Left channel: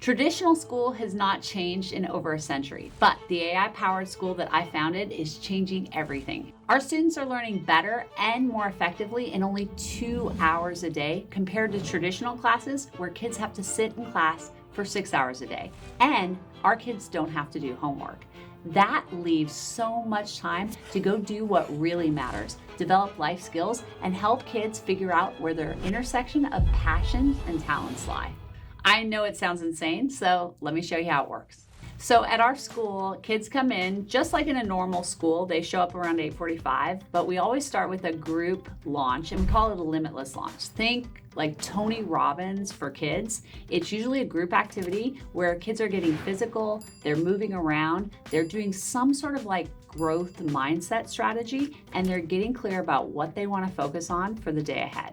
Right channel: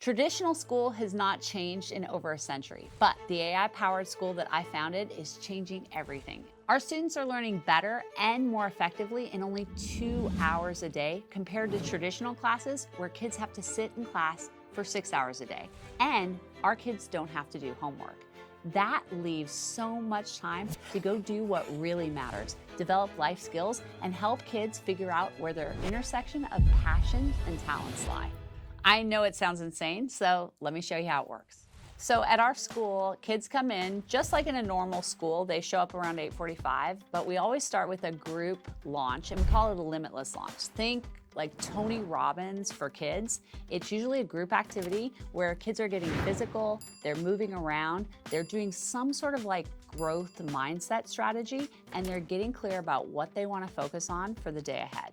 Traditional school has not changed in over a century, but the AI-powered school that I founded is changing everything. Our students are learning better and more effectively in only 2 hours a day compared to traditional classes where kids have to sit in class for 6 hours a day. And our kids don't have to do homework. That leaves so much time to go do what really matters, develop life skills, and help kids figure out where their intersection of passion and talents lie. I know it sounds insane, so let me show you how it works. So at our school, kids come in just like in a normal school. They show up around 8:45, but we always start with a group launch, and we call it a limitless launch. Think like Tony Robbins for kids. It's usually a group activity where kids are getting physical, they're moving around, they're doing some sort of like growth mindset strategy, and they're getting clear about what they want to focus on for the day ahead.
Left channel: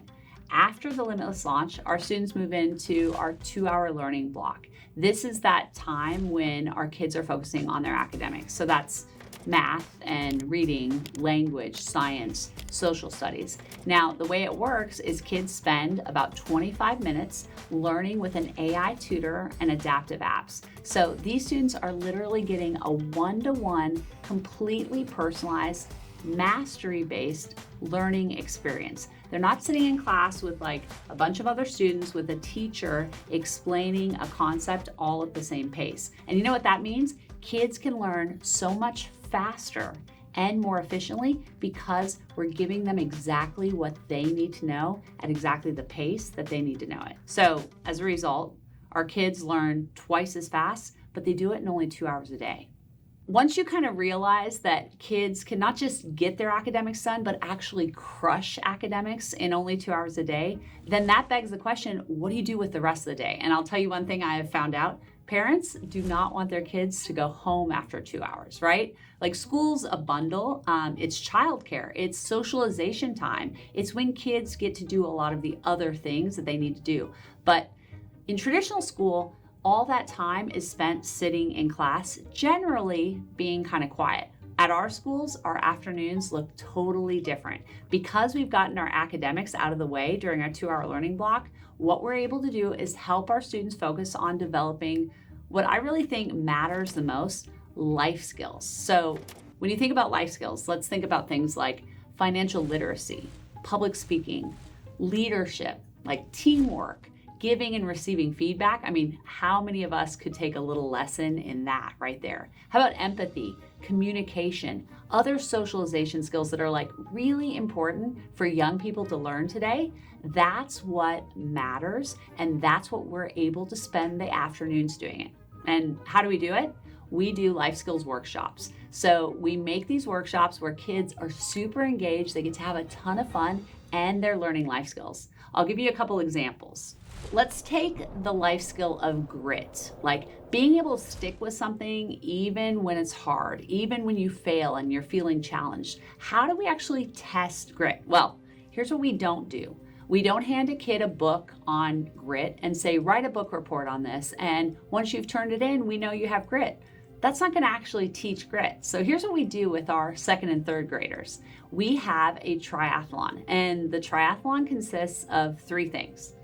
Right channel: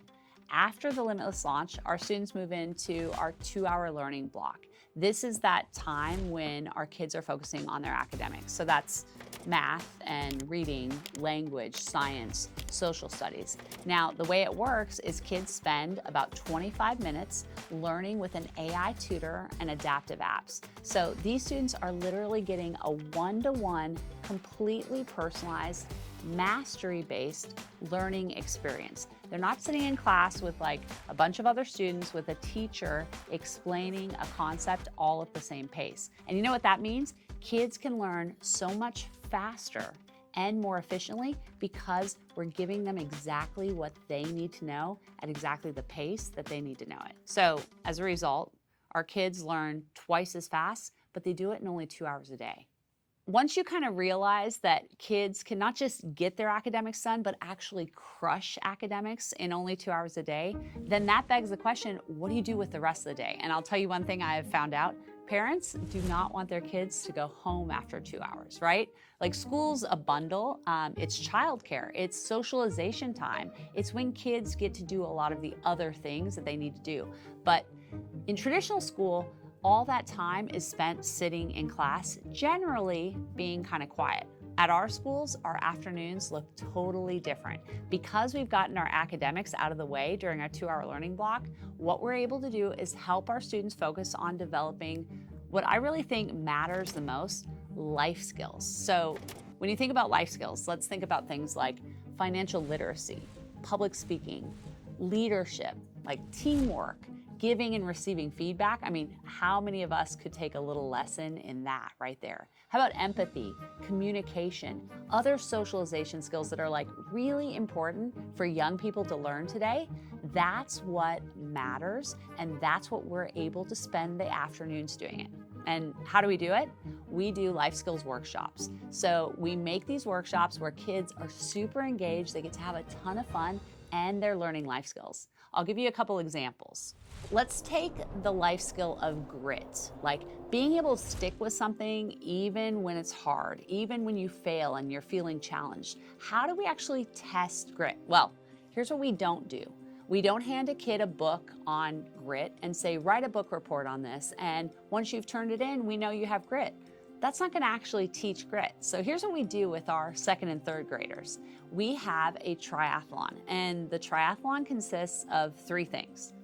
After the limitless launch, our students move into our 2-hour learning block. This is that time when our kids are focusing on their academics. So that's math and reading, language, science, social studies. Now, the way it works is kids spend about 25 minutes learning with an AI tutor and adaptive apps. So these students are literally getting a one-to-one, completely personalized, mastery-based learning experience. They're not sitting in class with like a bunch of other students with a teacher explaining a concept all at the same pace. And you know what that means? Kids can learn so much faster and more efficiently because we're giving them exactly what they need to know at exactly the pace that they need to know it. So as a result, our kids learn twice as fast, but they do it in only 2 hours a day. Once you kind of realize that kids can not just get their academics done, but actually crush academics in only 2 hours a day, then that begs the question, what do you do with the rest of the day? And I'll tell you one thing I have found out, parents do not want their kids to go home after 2 hours, right? Like school's a bundle, it's childcare, it's socialization time. It's when kids get to do a lot of the other things that they need to do. But in traditional school, all that time is spent sitting in class, generally being kind of quiet. At our schools, our afternoons look totally different. Because we've gotten our academics out of the way during our 2-hour learning block, what we're able to do is help our students focus on developing what I really think matters the most, life skills. So when you think about life skills, let's think about things like financial literacy, public speaking, leadership, like teamwork, giving and receiving feedback. I mean, how many of us could take a little lesson in that right there? How about empathy, communication, other socialization skills that are like really important for young people to learn today? That's what matters, and that's what we're able to spend the afternoons doing it. And how do we do it? We do life skills workshops. So we make these workshops where kids are super engaged, they get to have a ton of fun, and they're learning life skills. I'll give you a couple examples. Let's take the life skill of grit, like being able to stick with something even when it's hard, even when you fail and you're feeling challenged. How do we actually test grit? Well, here's what we don't do. We don't hand a kid a book on grit and say, write a book report on this. And once you've turned it in, we know you have grit. That's not going to actually teach grit. So here's what we do with our 2nd and 3rd graders. We have a triathlon, and the triathlon consists of 3 things.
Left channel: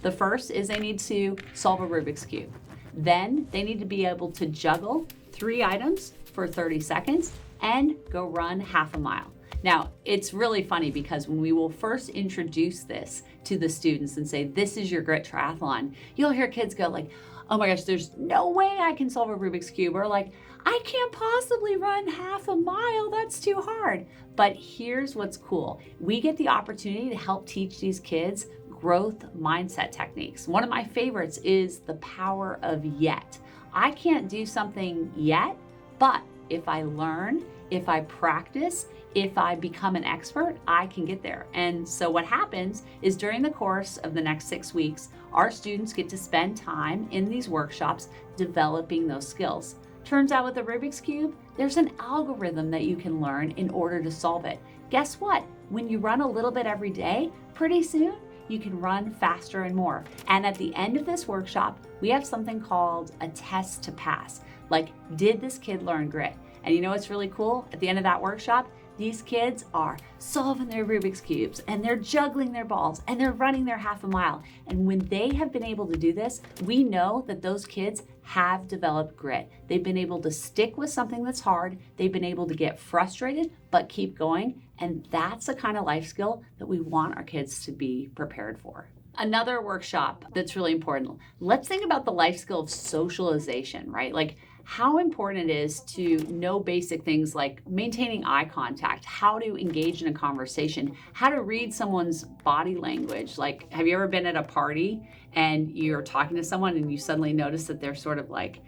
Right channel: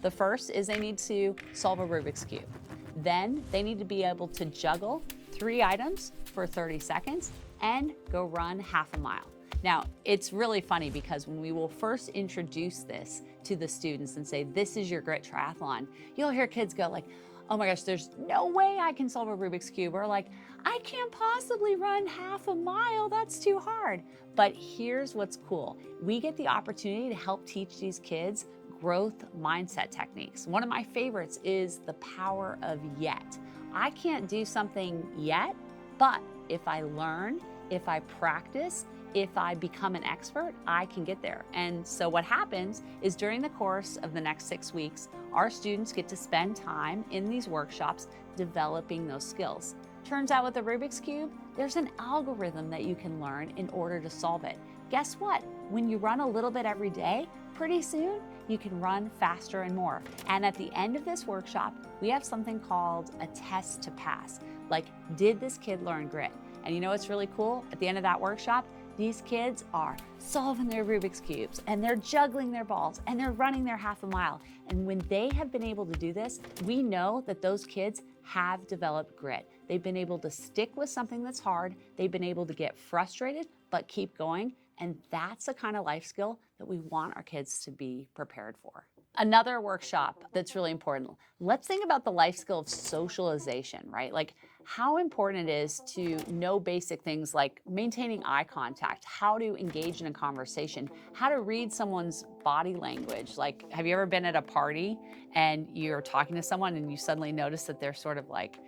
The first is they need to solve a Rubik's Cube. Then they need to be able to juggle 3 items for 30 seconds and go run half a mile. Now, it's really funny because when we will first introduce this to the students and say, this is your grit triathlon, you'll hear kids go like, oh my gosh, there's no way I can solve a Rubik's Cube, or like, I can't possibly run half a mile, that's too hard. But here's what's cool. We get the opportunity to help teach these kids growth mindset techniques. One of my favorites is the power of yet. I can't do something yet, but if I learn, if I practice, if I become an expert, I can get there. And so what happens is during the course of the next 6 weeks, our students get to spend time in these workshops developing those skills. Turns out with the Rubik's Cube, there's an algorithm that you can learn in order to solve it. Guess what? When you run a little bit every day, pretty soon you can run faster and more. And at the end of this workshop, we have something called a test to pass. Like, did this kid learn grit? And you know what's really cool? At the end of that workshop, These kids are solving their Rubik's Cubes and they're juggling their balls and they're running their half a mile. And when they have been able to do this, we know that those kids have developed grit. They've been able to stick with something that's hard. They've been able to get frustrated, but keep going. And that's the kind of life skill that we want our kids to be prepared for. Another workshop that's really important. Let's think about the life skill of socialization, right? Like how important it is to know basic things like maintaining eye contact, how to engage in a conversation, how to read someone's body language. Like, have you ever been at a party and you're talking to someone and you suddenly notice that they're sort of like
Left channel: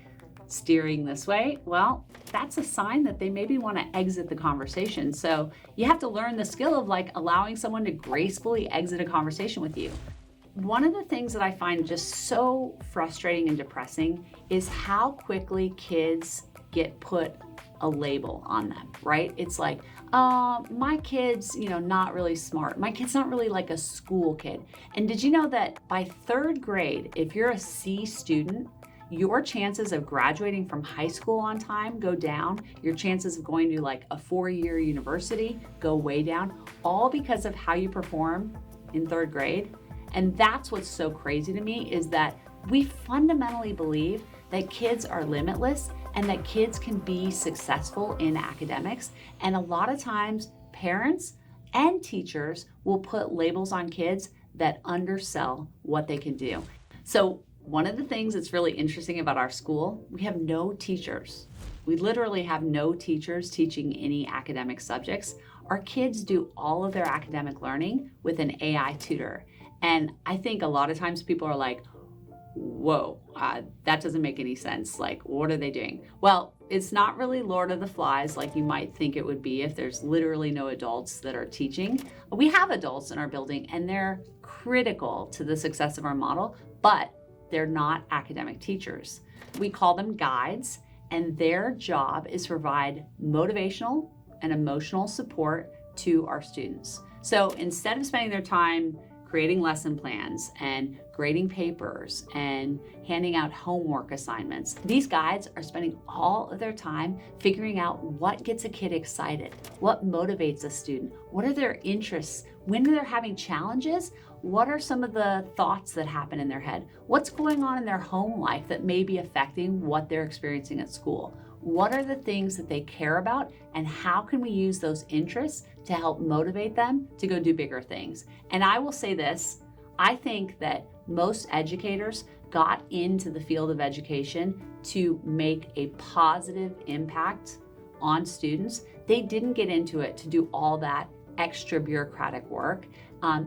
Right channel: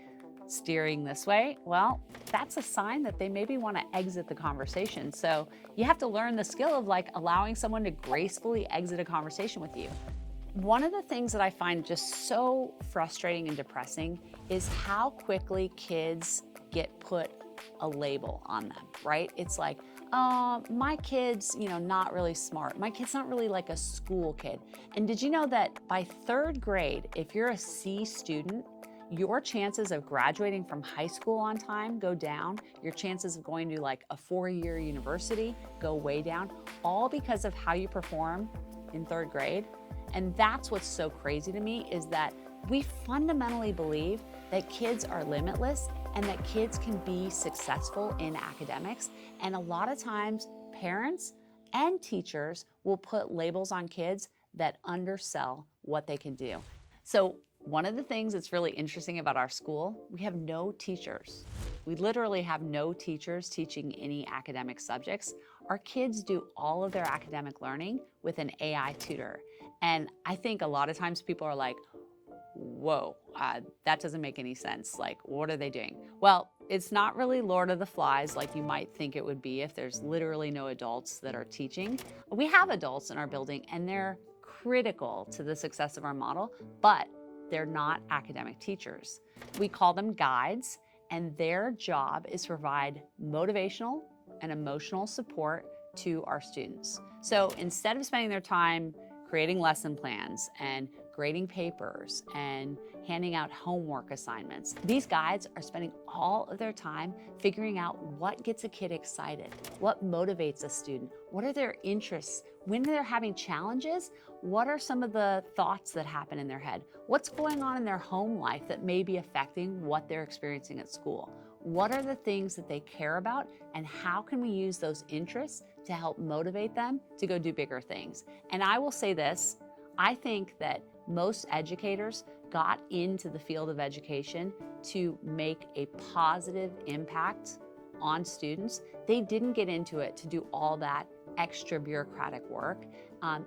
steering this way? Well, that's a sign that they maybe want to exit the conversation. So you have to learn the skill of like allowing someone to gracefully exit a conversation with you. One of the things that I find just so frustrating and depressing is how quickly kids get put a label on them, right? It's like, oh, my kid's, not really smart. My kid's not really like a school kid. And did you know that by third grade, if you're a C student, your chances of graduating from high school on time go down. Your chances of going to like a 4-year university go way down, all because of how you perform in third grade. And that's what's so crazy to me is that we fundamentally believe that kids are limitless and that kids can be successful in academics. And a lot of times parents and teachers will put labels on kids that undersell what they can do. So one of the things that's really interesting about our school, we have no teachers. We literally have no teachers teaching any academic subjects. Our kids do all of their academic learning with an AI tutor. And I think a lot of times people are like, whoa, that doesn't make any sense. Like, what are they doing? Well, it's not really Lord of the Flies like you might think it would be if there's literally no adults that are teaching. We have adults in our building and they're critical to the success of our model, but they're not academic teachers. We call them guides, and their job is to provide motivational and emotional support to our students. So instead of spending their time creating lesson plans and grading papers and handing out homework assignments, these guides are spending all of their time figuring out what gets a kid excited, what motivates a student, what are their interests, when they're having challenges, what are some of the thoughts that happen in their head, what's going on in their home life that may be affecting what they're experiencing at school, what are the things that they care about, and how can we use those interests to help motivate them to go do bigger things. And I will say this, I think that most educators got into the field of education to make a positive impact on students. They didn't get into it to do all that extra bureaucratic work.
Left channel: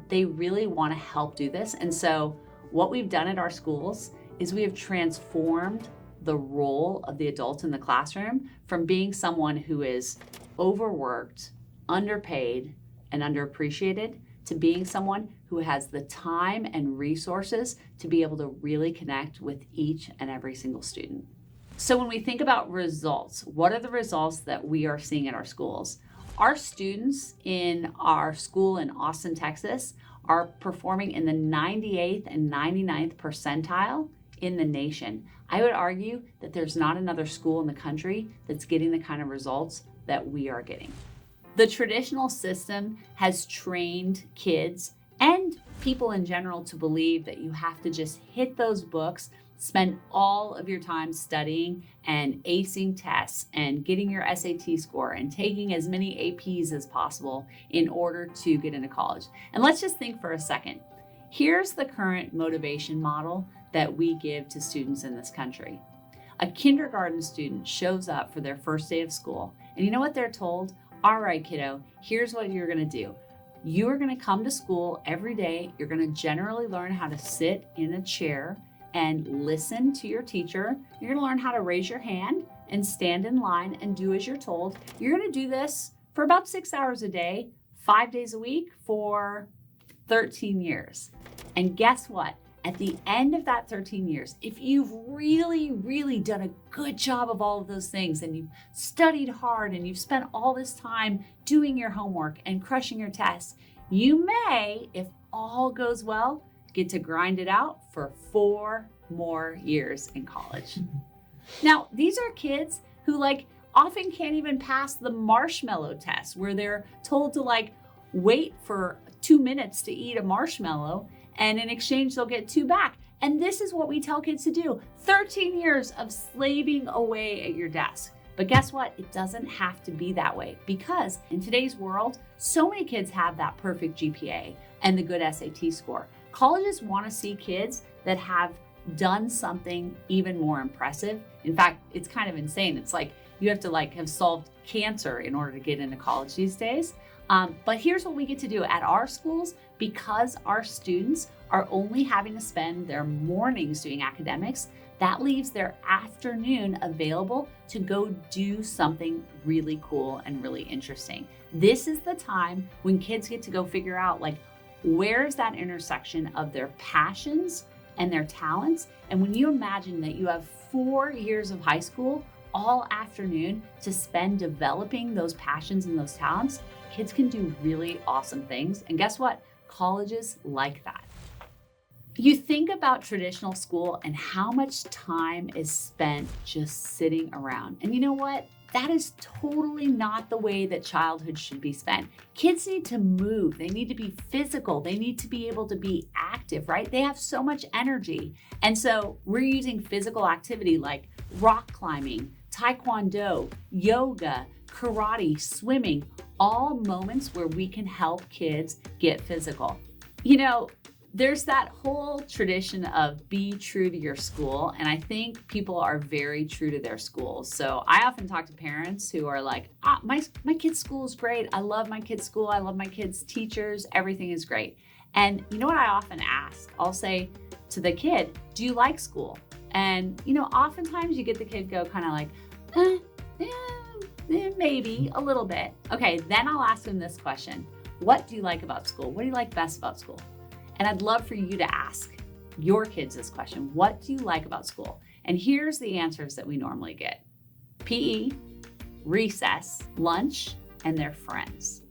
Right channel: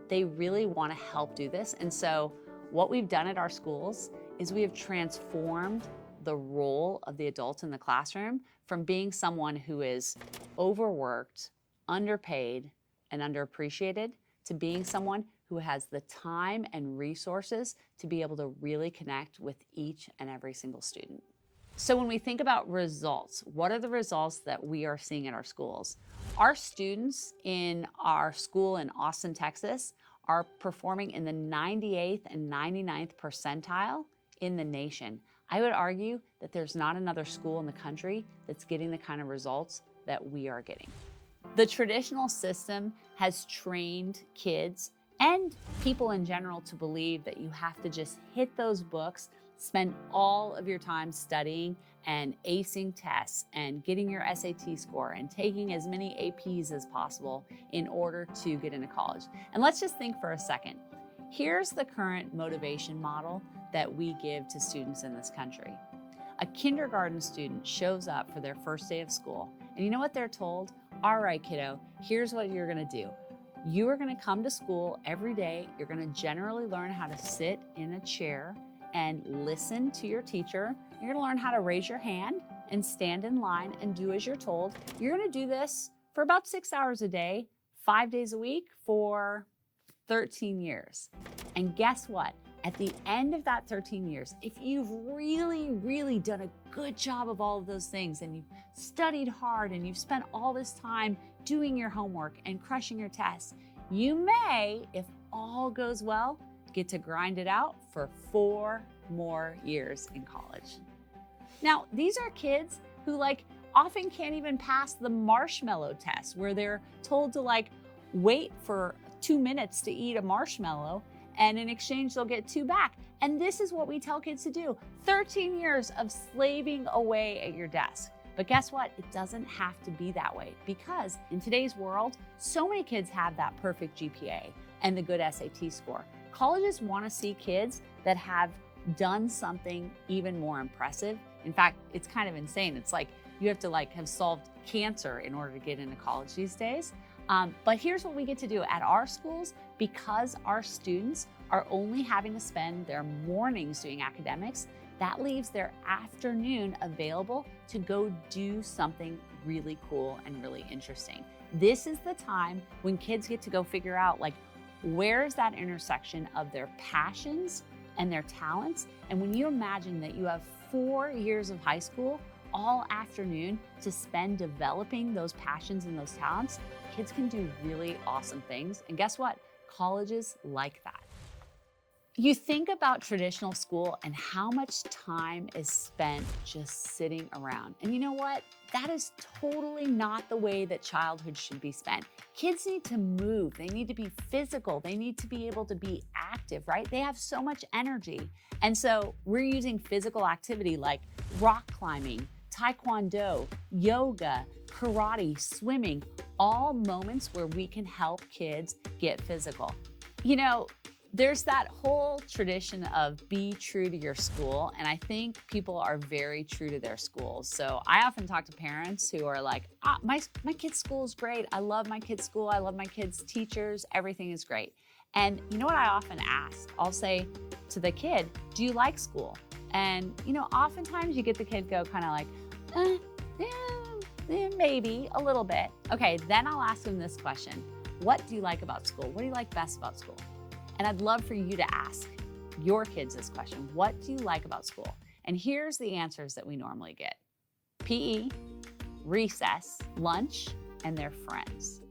They really want to help do this. And so what we've done at our schools is we have transformed the role of the adult in the classroom from being someone who is overworked, underpaid, and underappreciated to being someone who has the time and resources to be able to really connect with each and every single student. So when we think about results, what are the results that we are seeing in our schools? Our students in our school in Austin, Texas are performing in the 98th and 99th percentile in the nation. I would argue that there's not another school in the country that's getting the kind of results that we are getting. The traditional system has trained kids and people in general to believe that you have to just hit those books, spend all of your time studying and acing tests and getting your SAT score and taking as many APs as possible in order to get into college. And let's just think for a second. Here's the current motivation model that we give to students in this country. A kindergarten student shows up for their first day of school, and you know what they're told? All right, kiddo, here's what you're gonna do. You are gonna come to school every day. You're gonna generally learn how to sit in a chair and listen to your teacher. You're gonna learn how to raise your hand and stand in line and do as you're told. You're gonna do this for about 6 hours a day, 5 days a week for 13 years. And guess what? At the end of that 13 years, if you've really, really done a good job of all of those things and you've studied hard and you've spent all this time doing your homework and crushing your tests, you may, if all goes well, get to grind it out for 4 more years in college. Now, these are kids who often can't even pass the marshmallow test, where they're told to like wait for 2 minutes to eat a marshmallow, and in exchange they'll get 2 back. And this is what we tell kids to do. 13 years of slaving away at your desk. But guess what? It doesn't have to be that way, because in today's world, so many kids have that perfect GPA and the good SAT score. Colleges want to see kids that have done something even more impressive. In fact, it's kind of insane. It's like you have to have solved cancer in order to get into college these days. But here's what we get to do at our schools. Because our students are only having to spend their mornings doing academics, that leaves their afternoon available to go do something really cool and really interesting. This is the time when kids get to go figure out where is that intersection of their passions and their talents. And when you imagine that you have 4 years of high school all afternoon to spend developing those passions and those talents, kids can do really awesome things. And guess what? Colleges like that. You think about traditional school and how much time is spent just sitting around. And you know what? That is totally not the way that childhood should be spent. Kids need to move. They need to be physical. They need to be able to be active, right? They have so much energy. And so we're using physical activity like rock climbing, taekwondo, yoga, karate, swimming, all moments where we can help kids get physical. There's that whole tradition of be true to your school, and I think people are very true to their schools. So I often talk to parents who are like, my kid's school is great. I love my kid's school. I love my kid's teachers. Everything is great. And you know what I often ask? I'll say to the kid, do you like school? And oftentimes you get the kid go kind of like, maybe a little bit. Okay, then I'll ask them this question. What do you like about school? What do you like best about school? And I'd love for you to ask your kids this question. What do you like about school? And here's the answers that we normally get. PE, recess, lunch, and their friends.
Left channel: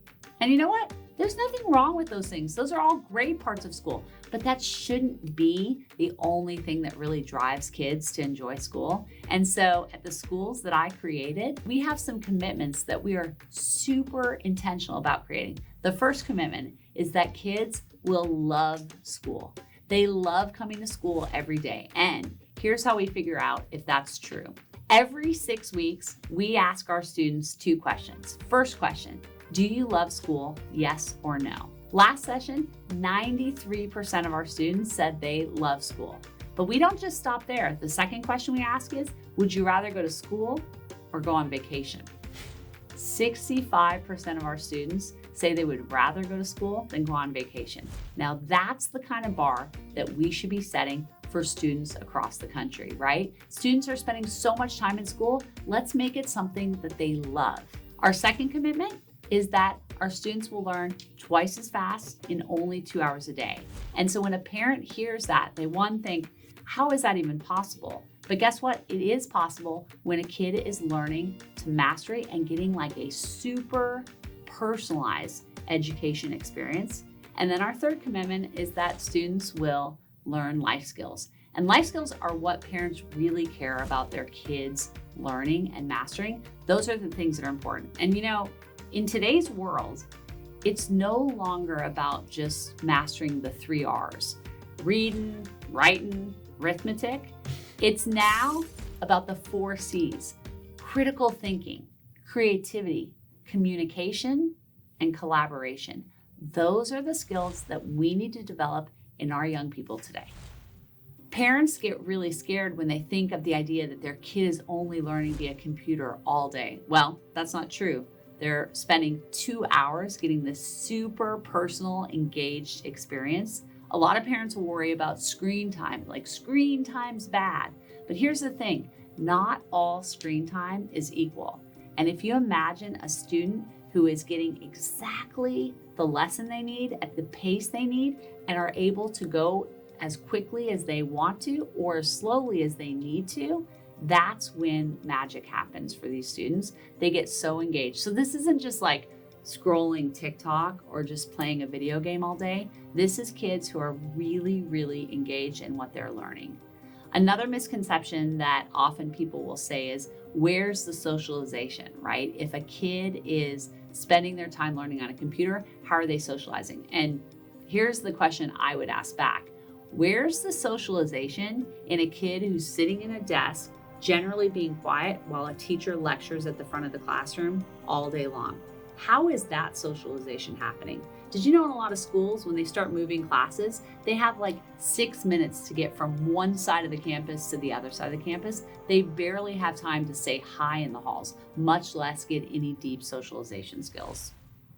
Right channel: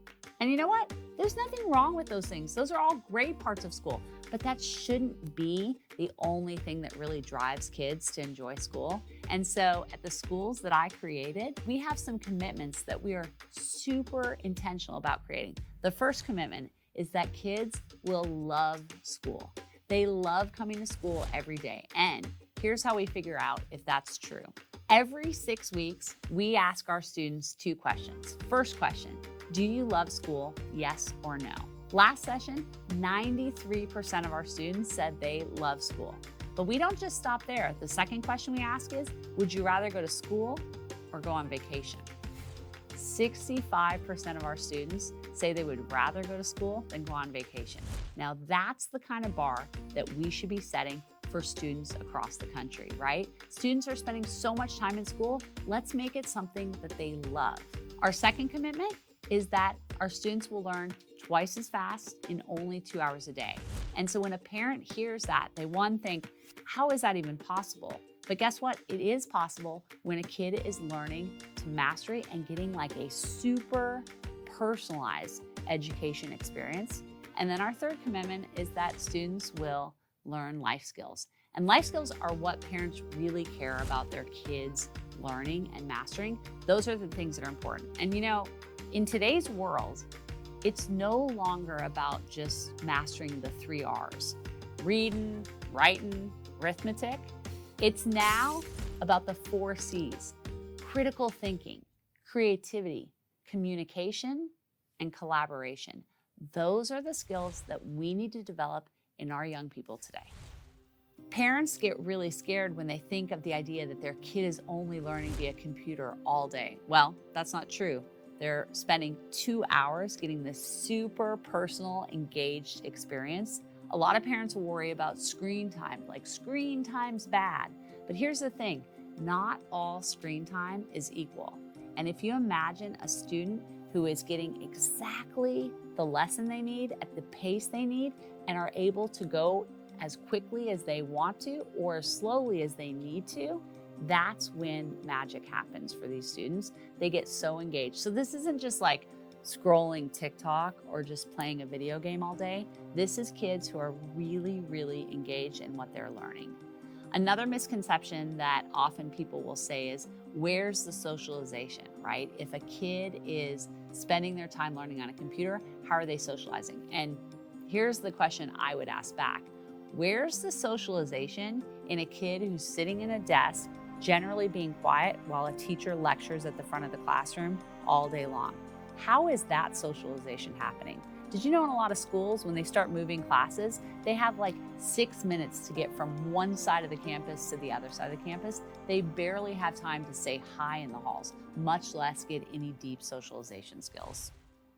And you know what? There's nothing wrong with those things. Those are all great parts of school, but that shouldn't be the only thing that really drives kids to enjoy school. And so at the schools that I created, we have some commitments that we are super intentional about creating. The first commitment is that kids will love school. They love coming to school every day. And here's how we figure out if that's true. Every 6 weeks, we ask our students 2 questions. First question, do you love school? Yes or no? Last session, 93% of our students said they love school. But we don't just stop there. The second question we ask is, would you rather go to school or go on vacation? 65% of our students say they would rather go to school than go on vacation. Now that's the kind of bar that we should be setting for students across the country, right? Students are spending so much time in school. Let's make it something that they love. Our second commitment is that our students will learn twice as fast in only 2 hours a day. And so when a parent hears that, they think, how is that even possible? But guess what? It is possible when a kid is learning to mastery and getting a super personalized education experience. And then our third commitment is that students will learn life skills. And life skills are what parents really care about their kids learning and mastering. Those are the things that are important. And in today's world, it's no longer about just mastering the 3 R's, reading, writing, arithmetic. It's now about the 4 C's, critical thinking, creativity, communication, and collaboration. Those are the skills that we need to develop in our young people today. Parents get really scared when they think of the idea that their kid is only learning via computer all day. Well, that's not true. They're spending 2 hours getting this super personal, engaged experience. A lot of parents will worry about screen time, screen time's bad. But here's the thing, not all screen time is equal. And if you imagine a student who is getting exactly the lesson they need at the pace they need and are able to go as quickly as they want to or as slowly as they need to, that's when magic happens for these students. They get so engaged. So this isn't just scrolling TikTok or just playing a video game all day. This is kids who are really, really engaged in what they're learning. Another misconception that often people will say is, where's the socialization, right? If a kid is spending their time learning on a computer, how are they socializing? And here's the question I would ask back. Where's the socialization in a kid who's sitting in a desk, generally being quiet while a teacher lectures at the front of the classroom all day long? How is that socialization happening? Did you know in a lot of schools, when they start moving classes, they have like 6 minutes to get from one side of the campus to the other side of the campus? They barely have time to say hi in the halls, much less get any deep socialization skills.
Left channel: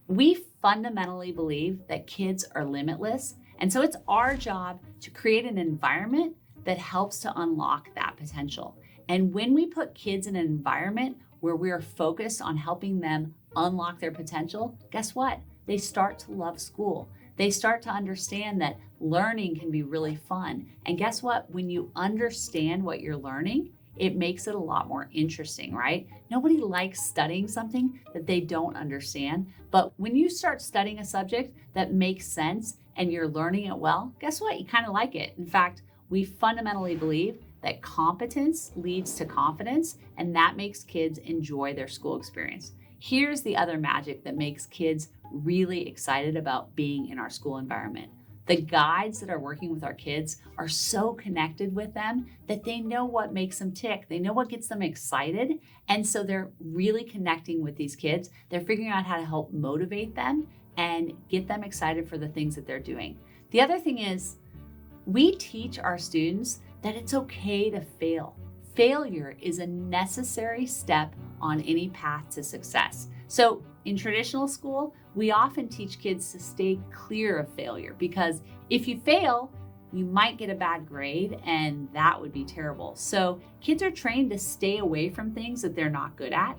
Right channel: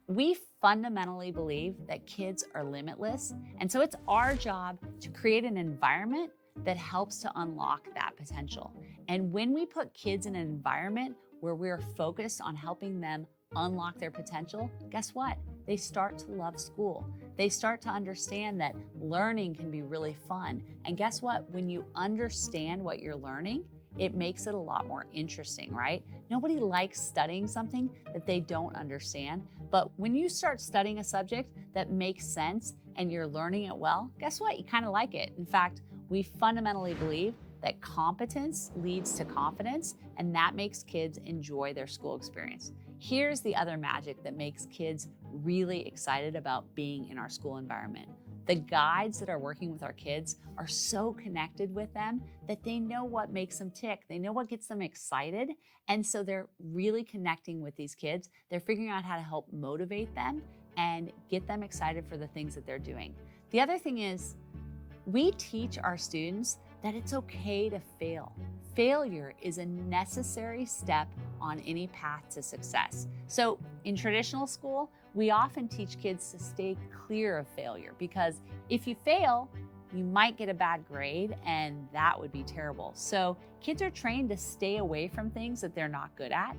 We fundamentally believe that kids are limitless, and so it's our job to create an environment that helps to unlock that potential. And when we put kids in an environment where we're focused on helping them unlock their potential, guess what? They start to love school. They start to understand that learning can be really fun. And guess what? When you understand what you're learning, it makes it a lot more interesting, right? Nobody likes studying something that they don't understand. But when you start studying a subject that makes sense and you're learning it well, guess what? You kind of like it. In fact, we fundamentally believe that competence leads to confidence, and that makes kids enjoy their school experience. Here's the other magic that makes kids really excited about being in our school environment. The guides that are working with our kids are so connected with them that they know what makes them tick. They know what gets them excited. And so they're really connecting with these kids. They're figuring out how to help motivate them and get them excited for the things that they're doing. The other thing is, we teach our students that it's okay to fail. Failure is a necessary step on any path to success. So in traditional school, we often teach kids to stay clear of failure, because if you fail, you might get a bad grade, and that would be terrible. So kids are trained to stay away from things that they're not good at.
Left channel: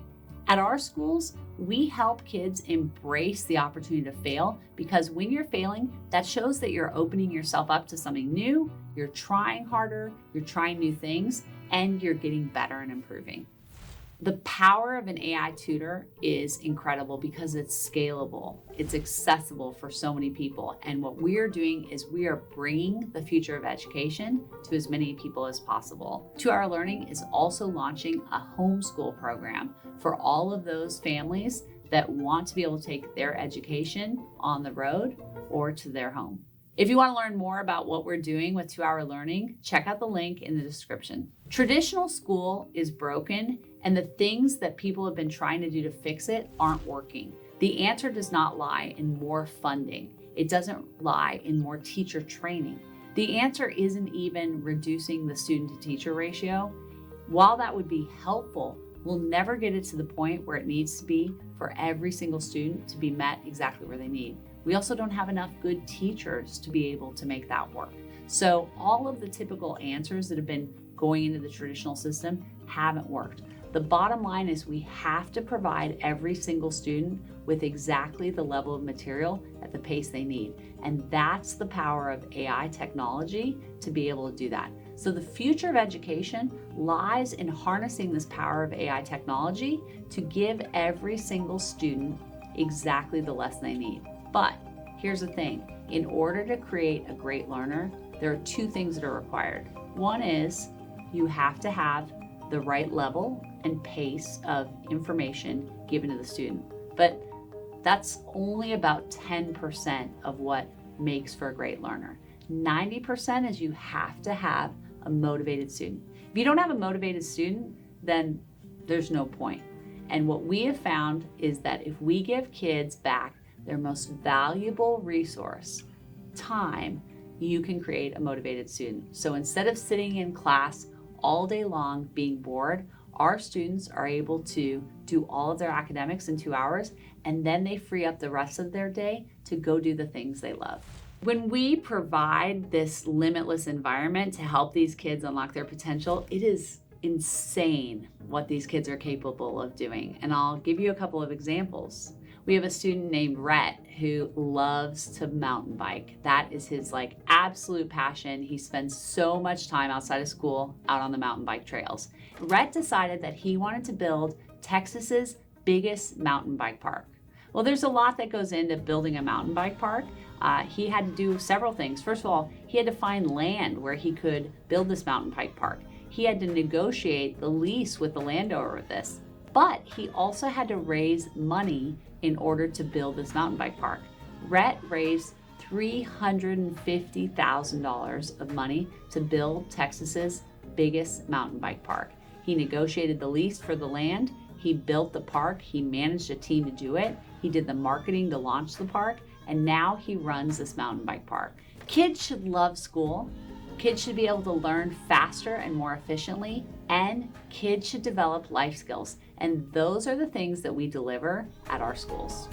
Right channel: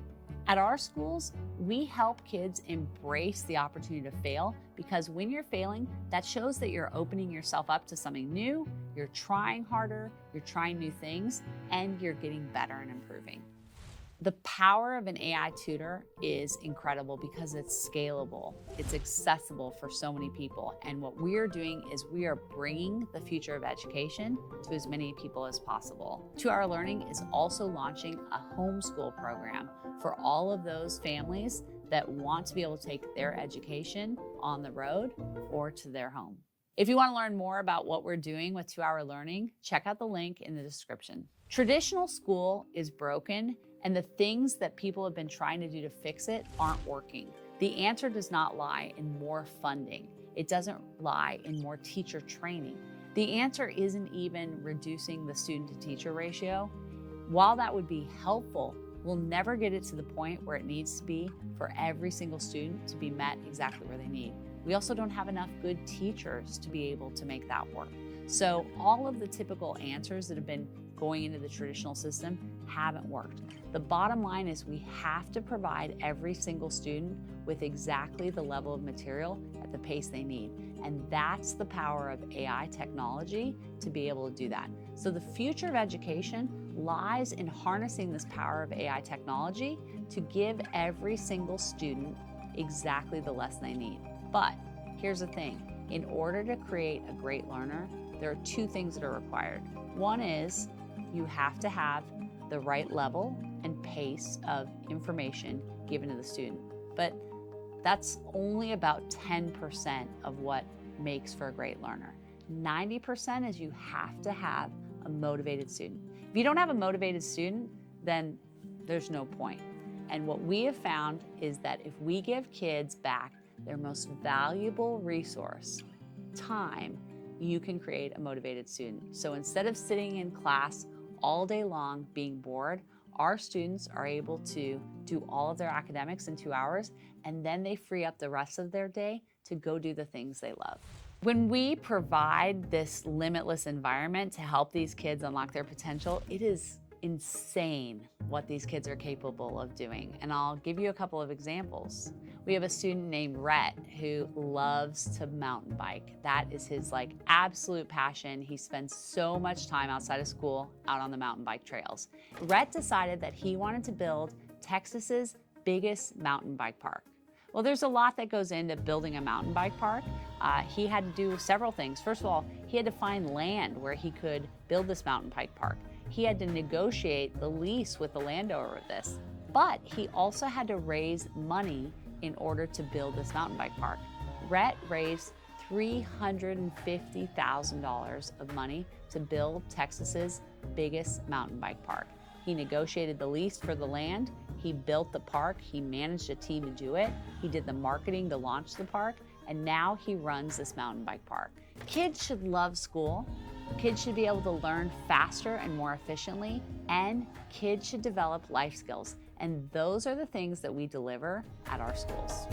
At our schools, we help kids embrace the opportunity to fail, because when you're failing, that shows that you're opening yourself up to something new, you're trying harder, you're trying new things, and you're getting better and improving. The power of an AI tutor is incredible because it's scalable. It's accessible for so many people. And what we are doing is we are bringing the future of education to as many people as possible. 2 Hour Learning is also launching a homeschool program for all of those families that want to be able to take their education on the road or to their home. If you want to learn more about what we're doing with 2 Hour Learning, check out the link in the description. Traditional school is broken, and the things that people have been trying to do to fix it aren't working. The answer does not lie in more funding. It doesn't lie in more teacher training. The answer isn't even reducing the student to teacher ratio. While that would be helpful, we'll never get it to the point where it needs to be for every single student to be met exactly where they need. We also don't have enough good teachers to be able to make that work. So all of the typical answers that have been going into the traditional system haven't worked. The bottom line is we have to provide every single student with exactly the level of material at the pace they need. And that's the power of AI technology to be able to do that. So the future of education lies in harnessing this power of AI technology to give every single student exactly the lesson they need. But here's the thing, in order to create a great learner, there are 2 things that are required. One is you have to have the right level and pace of information given to the student. But that's only about 10% of what makes for a great learner. 90% is you have to have a motivated student. If you don't have a motivated student, then there's no point. And what we have found is that if we give kids back their most valuable resource, time, you can create a motivated student. So instead of sitting in class all day long being bored, our students are able to do all of their academics in 2 hours, and then they free up the rest of their day to go do the things they love. When we provide this limitless environment to help these kids unlock their potential, it is insane what these kids are capable of doing. And I'll give you a couple of examples. We have a student named Rhett who loves to mountain bike. That is his absolute passion. He spends so much time outside of school out on the mountain bike trails. Rhett decided that he wanted to build Texas's biggest mountain bike park. Well, there's a lot that goes into building a mountain bike park. He had to do several things. First of all, He had to find land where he could build this mountain bike park. He had to negotiate the lease with the landowner of this. But he also had to raise money in order to build this mountain bike park. Rhett raised $350,000 of money to build Texas's biggest mountain bike park. He negotiated the lease for the land, he built the park, he managed a team to do it, he did the marketing to launch the park, and now he runs this mountain bike park. Kids should love school. Kids should be able to learn faster and more efficiently, and kids should develop life skills. And those are the things that we deliver at our schools.